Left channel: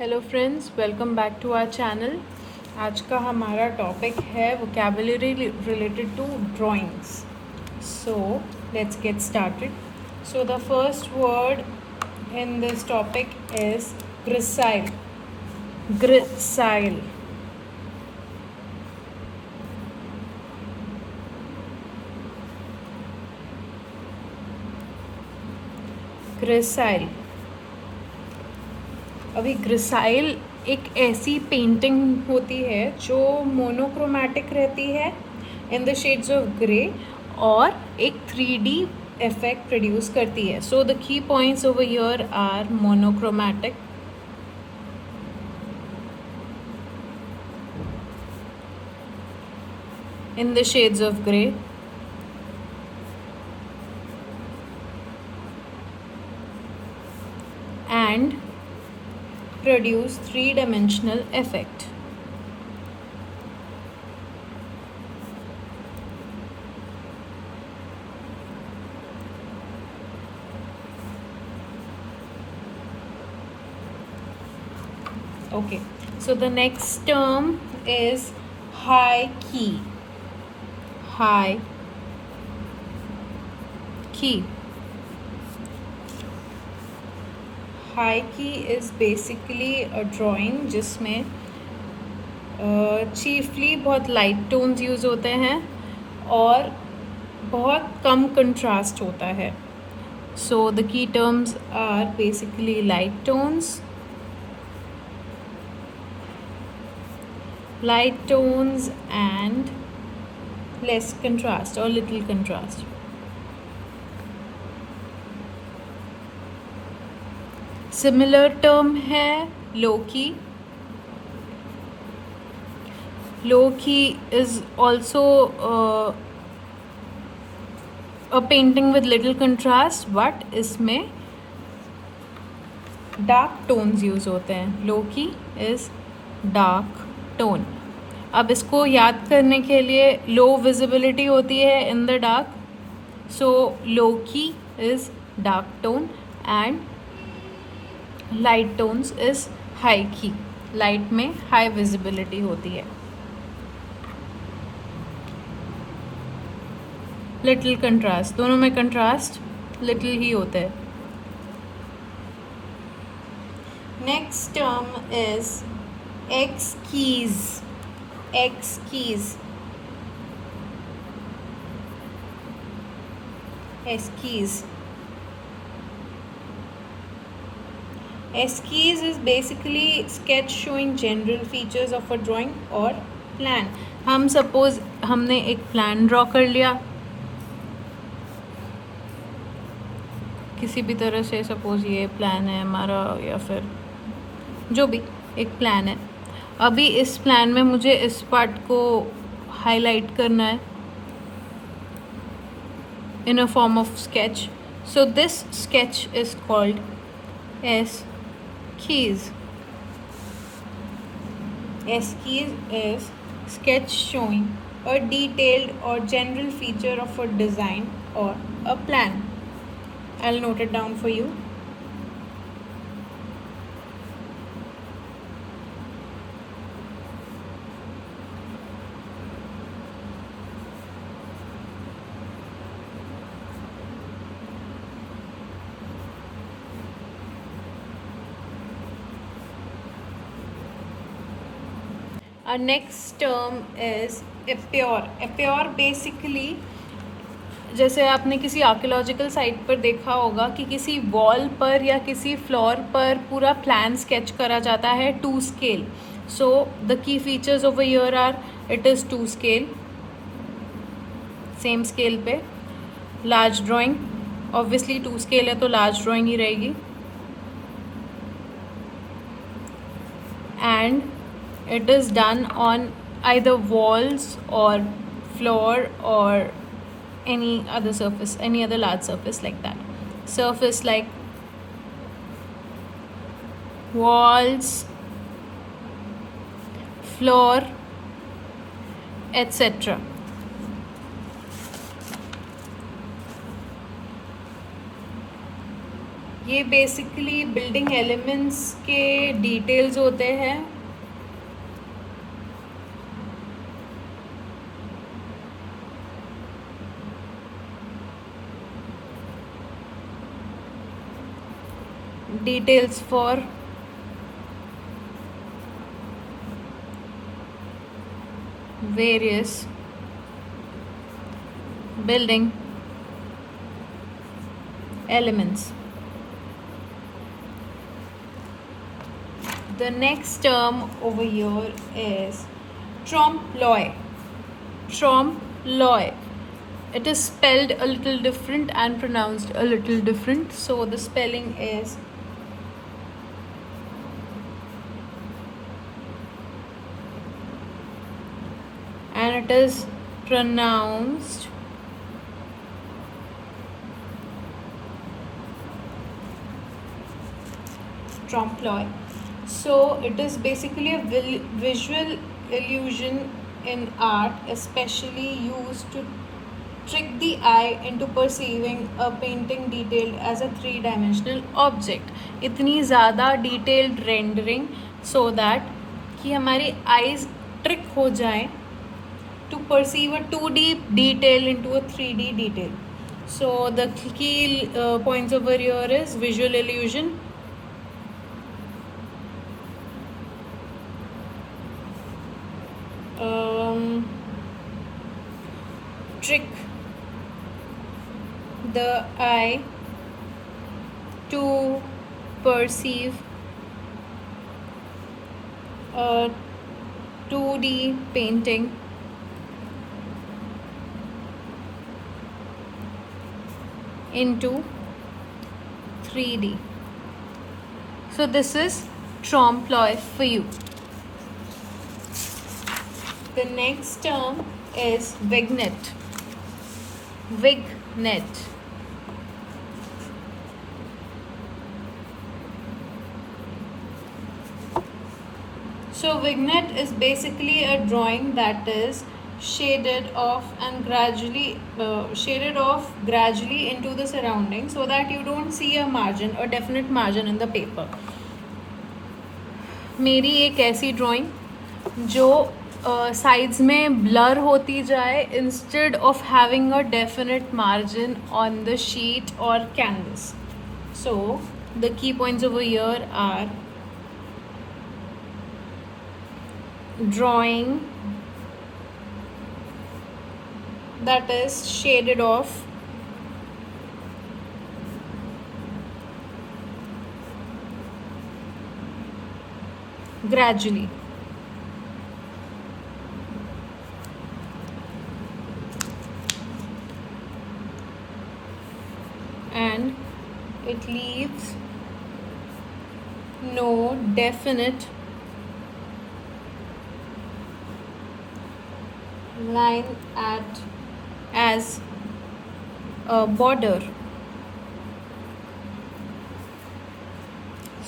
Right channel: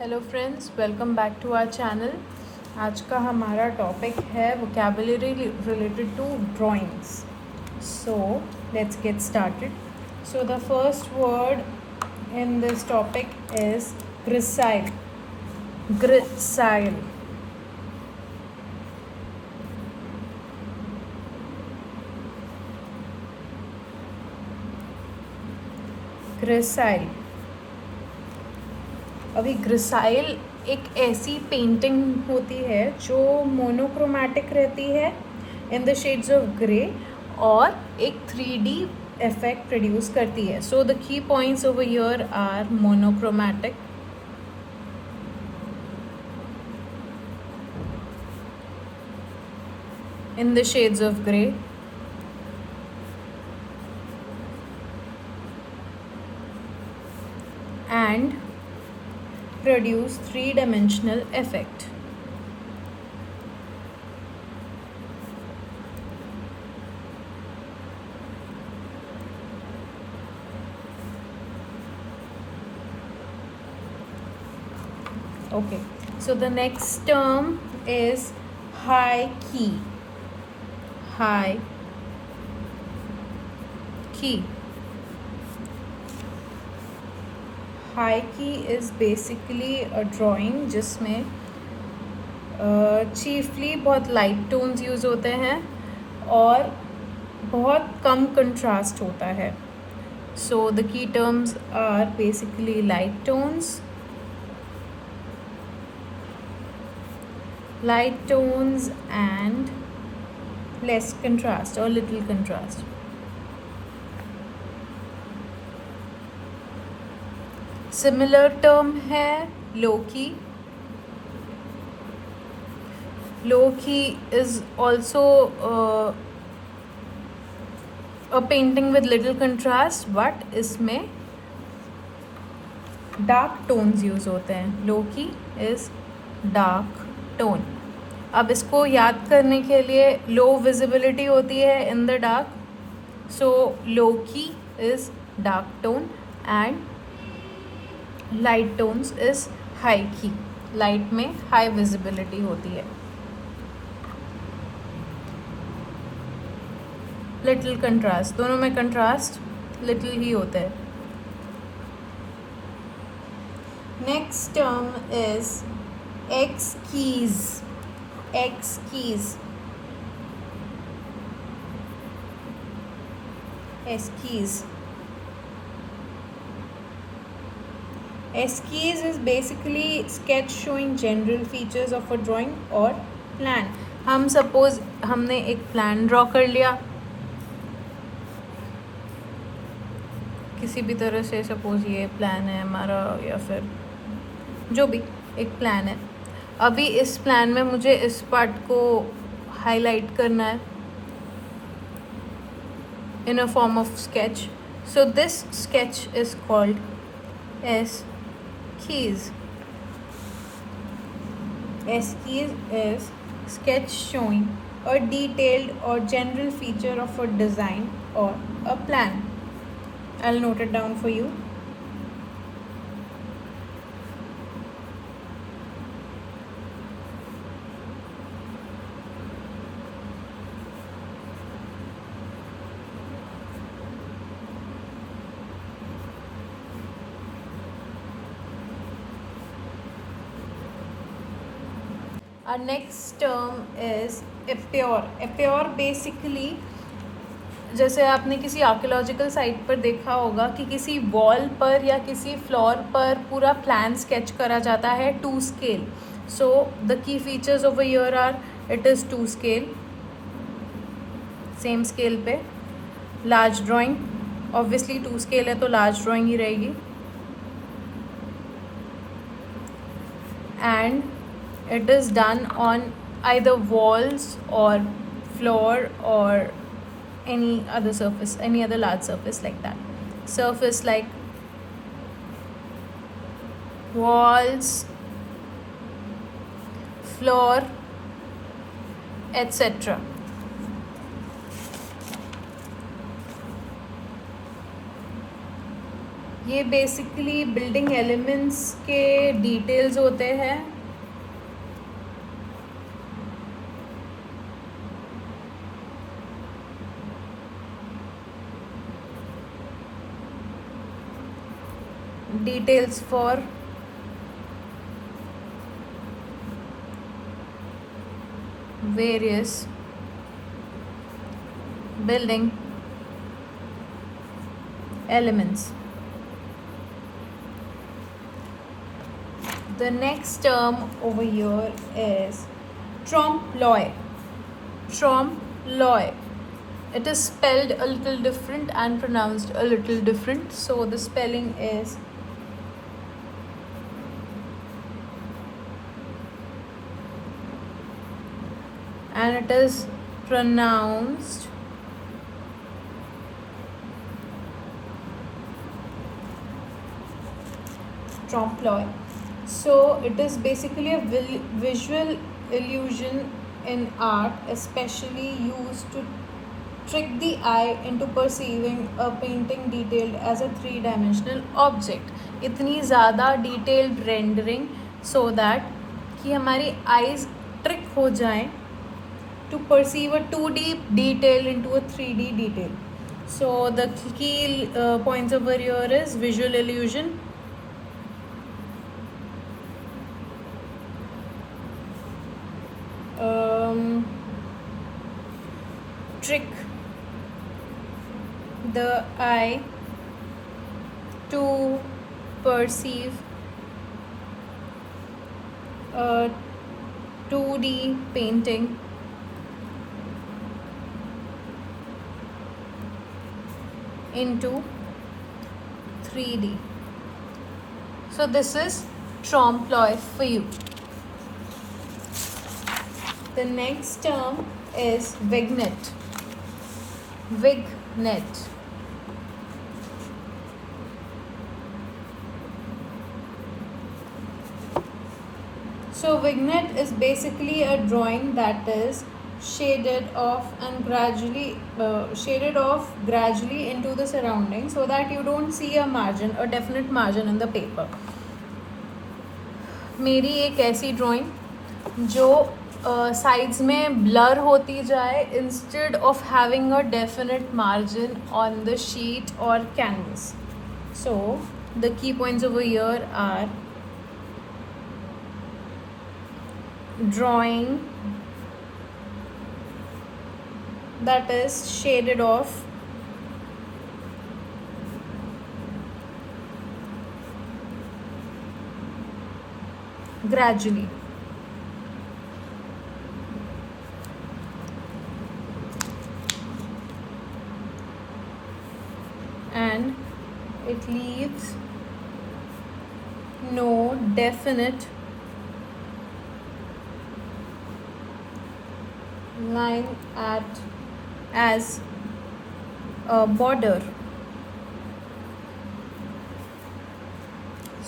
Hello friends, welcome back to our channel. आज का हमारा टॉपिक है vocabulary related to drawings. So let's get started. So the first word in this topic is grisaille. Grisaille. Grisaille. अभी grisaille एक ऐसी पेंटिंग होती है जो मोनोक्रोमैटिक रहती है in the shades of grey और एक 3D इफेक्ट प्रोड्यूस करती है. So the key points over here are monochromatic, in the shades of grey, and produce three-dimensional effect. Okay, so the next term is high key. High key. High key is basically a drawing जिसमें chiefly बहुत light tones use होते हैं और बहुत कम contrast होता है. So the key terms are basically light tones, and less contrast or little contrast. Similar term है low key. Low key is also a painting with little contrast, but इसमें dark tones use होते हैं. Low key is dark tone. अब इसको याद करने के लिए लो विजिबिलिटी होती है in the dark, so low key is dark tone and light tones is high key. Light में हाई विजिबिलिटी होती है. लिटिल कंट्रास्ट, दोनों में कंट्रास्ट लिटिल ही होता है. Next term is esquisse. Esquisse. Esquisse. Esquisse is basically sketch showing general features of a drawing or plan. हम सपोज हमने एक प्लान ड्रॉ कर लिया किसी भी तरह से. सपोज ये प्लान है हमारा या फिर जो भी एक प्लान है. अभी इस प्लान में मुझे इस पार्ट को हाईलाइट करना है in a form of sketch. So this sketch is called esquisse. Esquisse is sketch showing a detailed or general feature of a design or a plan. I'll note it down for you. Next term is epure. Epure basically जैसे आपने किसी archaeological site पर देखा होगा कि किसी वॉल पर या किसी फ्लोर पर पूरा प्लान स्केच करा जाता है to scale. So the key features over here are it is to scale, same scale पे. Large drawing, obviously to scale है तो लार्ज ड्राइंग ही रहेगी. And it is done on either walls or floor or any other surface, any other large surface like that. Surface like walls, floor, etc. ये basically building elements के डिटेल्स होते हैं. Details for various building elements. The next term over here is trompe-l'oeil. Trompe-l'oeil. It is spelled a little different and pronounced a little different. So the spelling is and it is pronounced trompe-l'oeil. So it is basically a visual illusion in art, especially used to trick the eye into perceiving a painting detailed as a three-dimensional object. इतनी ज़्यादा detailed rendering so that कि हमारी eyes trick हो जाएं to perceive a 2D detail into a 3D detail. So the key points over here is visual illusion, trick the eye to perceive a 2D painting into 3D. So this is trompe-l'oeil for you. The next term is vignette. Vignette. So vignette is basically a drawing that is shaded off gradually into the surroundings so that you don't see a margin, a definite margin in the paper. मेरी एक ऐसी ड्राइंग जो साइड्स में blur होती जाए instead of having a definite margin on the sheet or canvas. So the key points over here are drawing that is shaded off gradually. And it leaves no definite line as a border.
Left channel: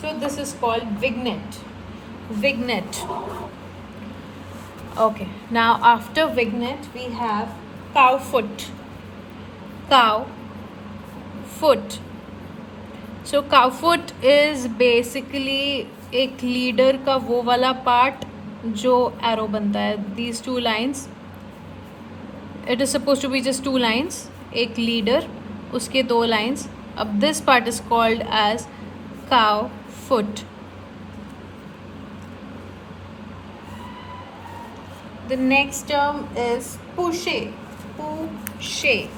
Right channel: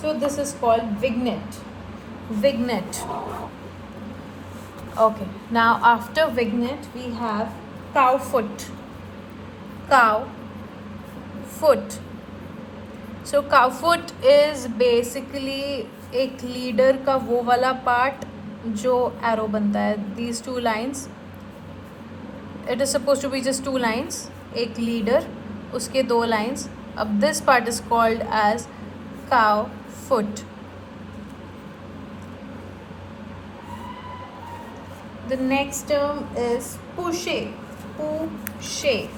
So this is called vignette. Vignette. Okay, now after vignette we have cow foot. Cow foot. So cow foot is basically एक लीडर का वो वाला पार्ट जो एरो बनता है. These two lines, it is supposed to be just two lines. एक लीडर, उसके दो lines. अब this part is called as cow foot. The next term is pouche. Pouche.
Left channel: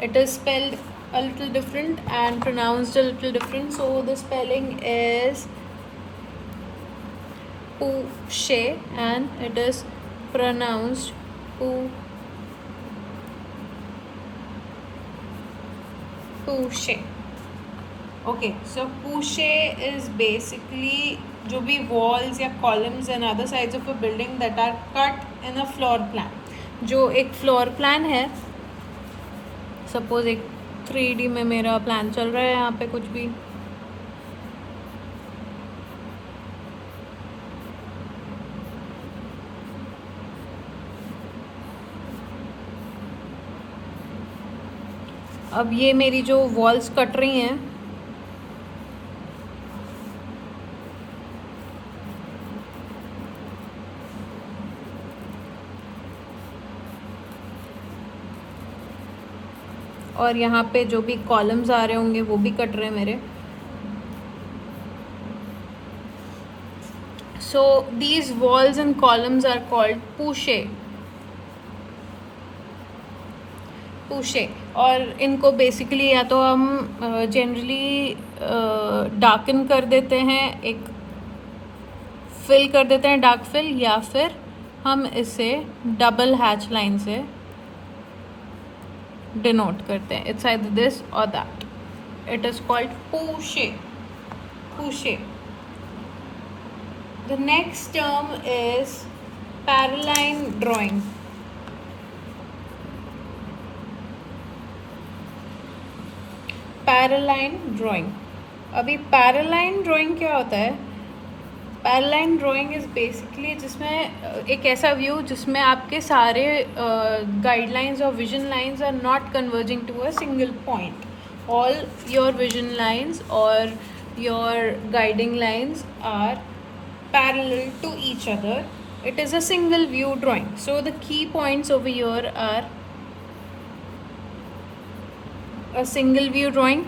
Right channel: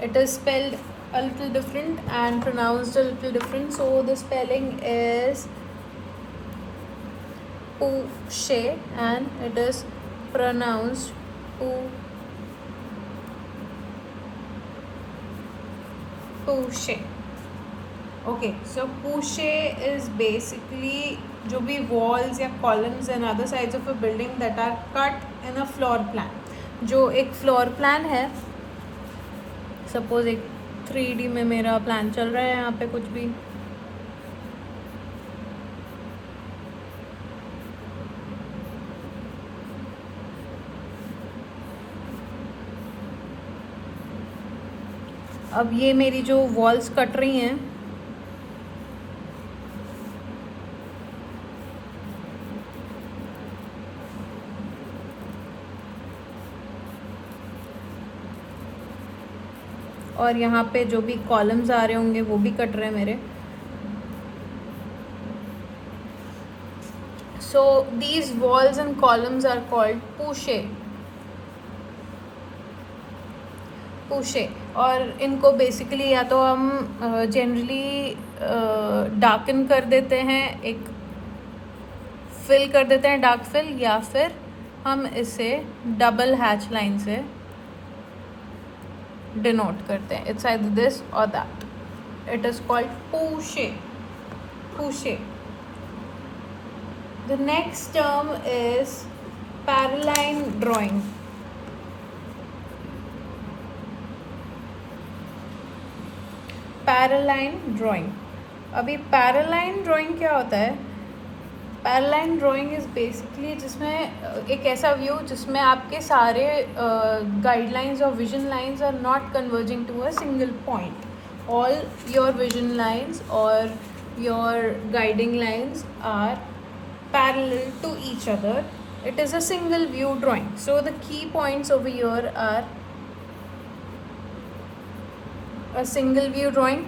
It is spelled a little different and pronounced a little different. So the spelling is pouche and it is pronounced pouche. Okay, so pouche is basically जो भी walls या columns and other sides of a building that are cut in a floor plan. जो एक floor plan है, suppose एक 3D में मेरा प्लान चल रहा है यहाँ पे कुछ भी, अब ये मेरी जो वॉल्स कट रही हैं और यहाँ पे जो भी कॉलम्स आ रहे होंगे वो भी कट रहे हैं मेरे. So these walls and columns are called पूशे. और इनको बेसिकली या तो हम जनरली डार्कन कर देते हैं, एक फिल कर देते हैं डार्क फिल, या फिर हम इसे डबल हैच लाइन से डिनोट करते हैं. It's either this or that. It is called poche. The next term is paraline drawing. Paraline drawing. अभी पैरालाइन ड्राइंग क्या होता है? पैरालाइन ड्राइंग इज बेसिकली जिसमें एक ऐसा व्यू जिसमें आपके सारे गाइडलाइंस और vision lines are not converging to a single point. All your vision lines और your guiding lines are parallel to each other. It is a single view drawing. So the key points over here are a single view drawing,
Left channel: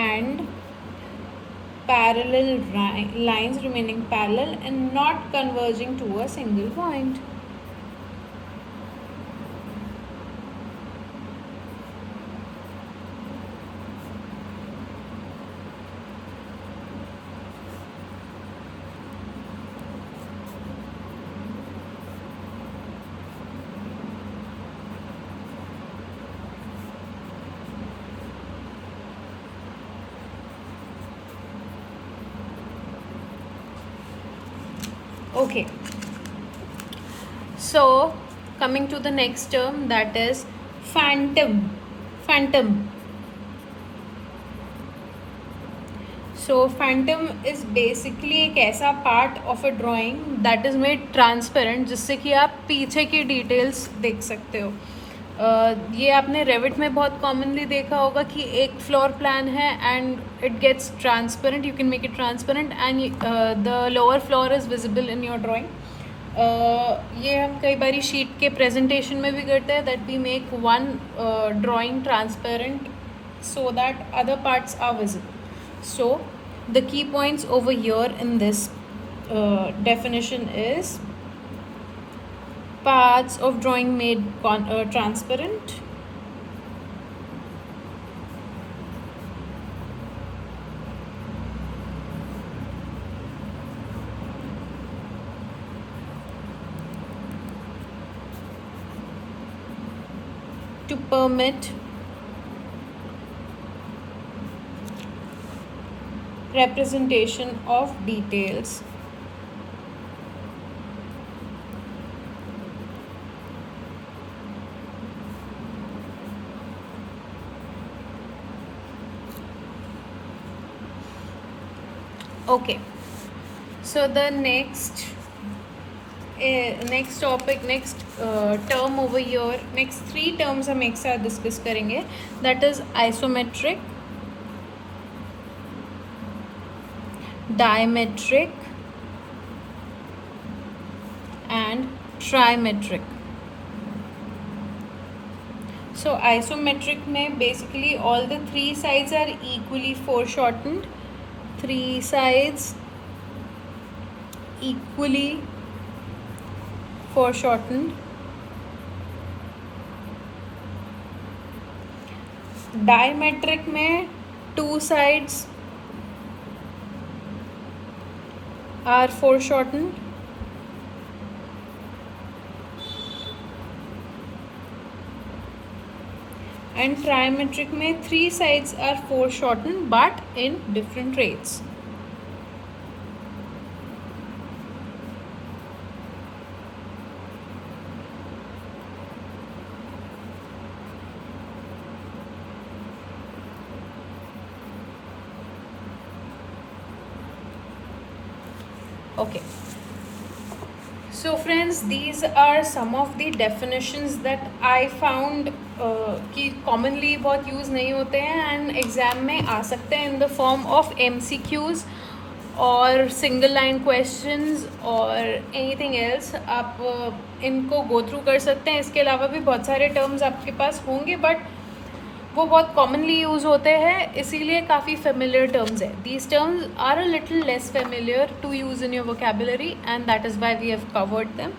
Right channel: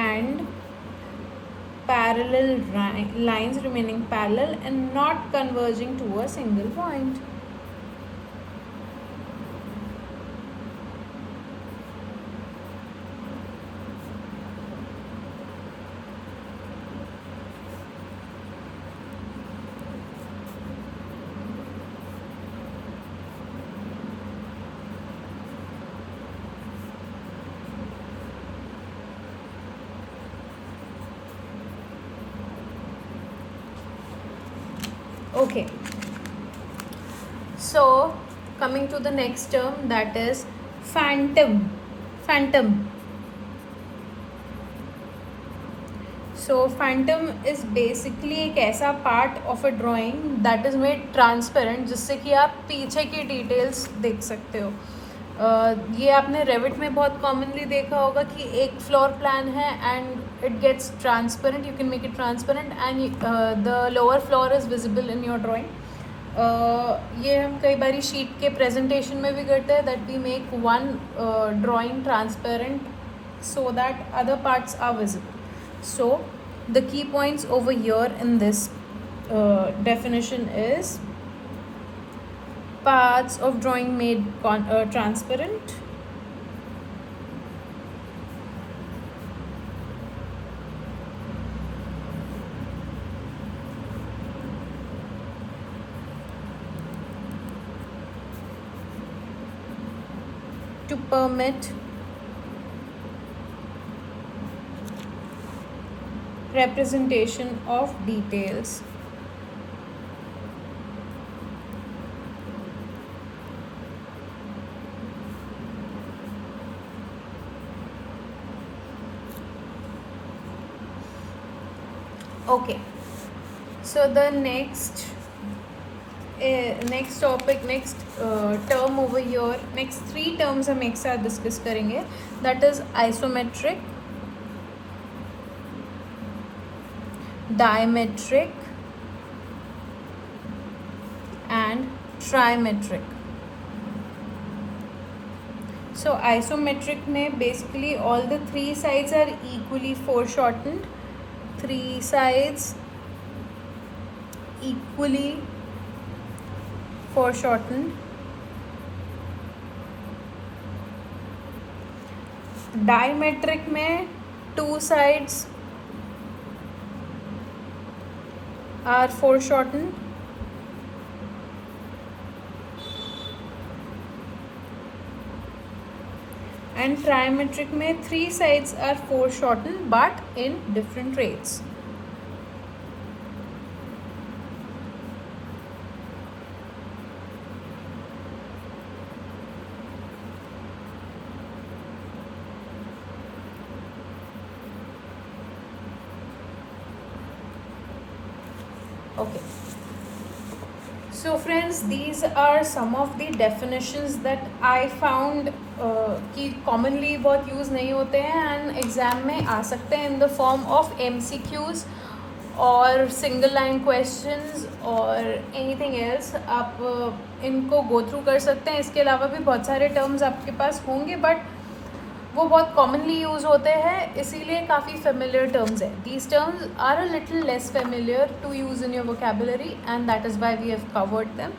and parallel lines remaining parallel and not converging to a single point. Okay, so coming to the next term, that is phantom. So phantom is basically एक ऐसा part of a drawing that is made transparent जिससे कि आप पीछे की details देख सकते हो. ये आपने रेविट में बहुत कॉमनली देखा होगा कि एक फ्लोर प्लान है and it gets transparent. You can make it transparent and the lower floor is visible in your drawing. ये हम कई बार शीट के प्रेजेंटेशन में भी करते हैं, that we make one drawing transparent so that other parts are visible. So the key points over here in this definition is parts of drawing made transparent, to permit representation of details. Okay, so the next topic, next term over here, next three terms हम एक साथ डिस्कस करेंगे. That is isometric, diametric and trimetric. So isometric में basically all the three sides are equally foreshortened. Three sides equally foreshortened. Diametric में two sides are foreshortened. And trimetric में three sides are foreshortened but in different rates. Okay, so friends, these are some of the definitions that I found कि commonly बहुत यूज़ नहीं होते हैं and exam में आ सकते हैं in the form of MCQs और सिंगल लाइन क्वेश्चंस और एनीथिंग एल्स आप इनको गो थ्रू कर सकते हैं। इसके अलावा भी बहुत सारे टर्म्स आपके पास होंगे बट वो बहुत कॉमनली यूज़ होते हैं, इसीलिए काफ़ी फेमिलियर टर्म्स हैं। These terms are a little less familiar to use in your vocabulary and that is why we have covered them.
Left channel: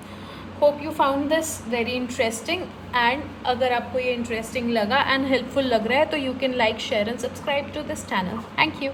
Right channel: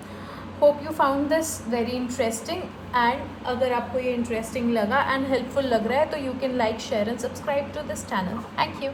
Hope you found this very interesting, and अगर आपको ये इंटरेस्टिंग लगा and helpful लग रहा है तो you can like, share and subscribe to this channel. Thank you.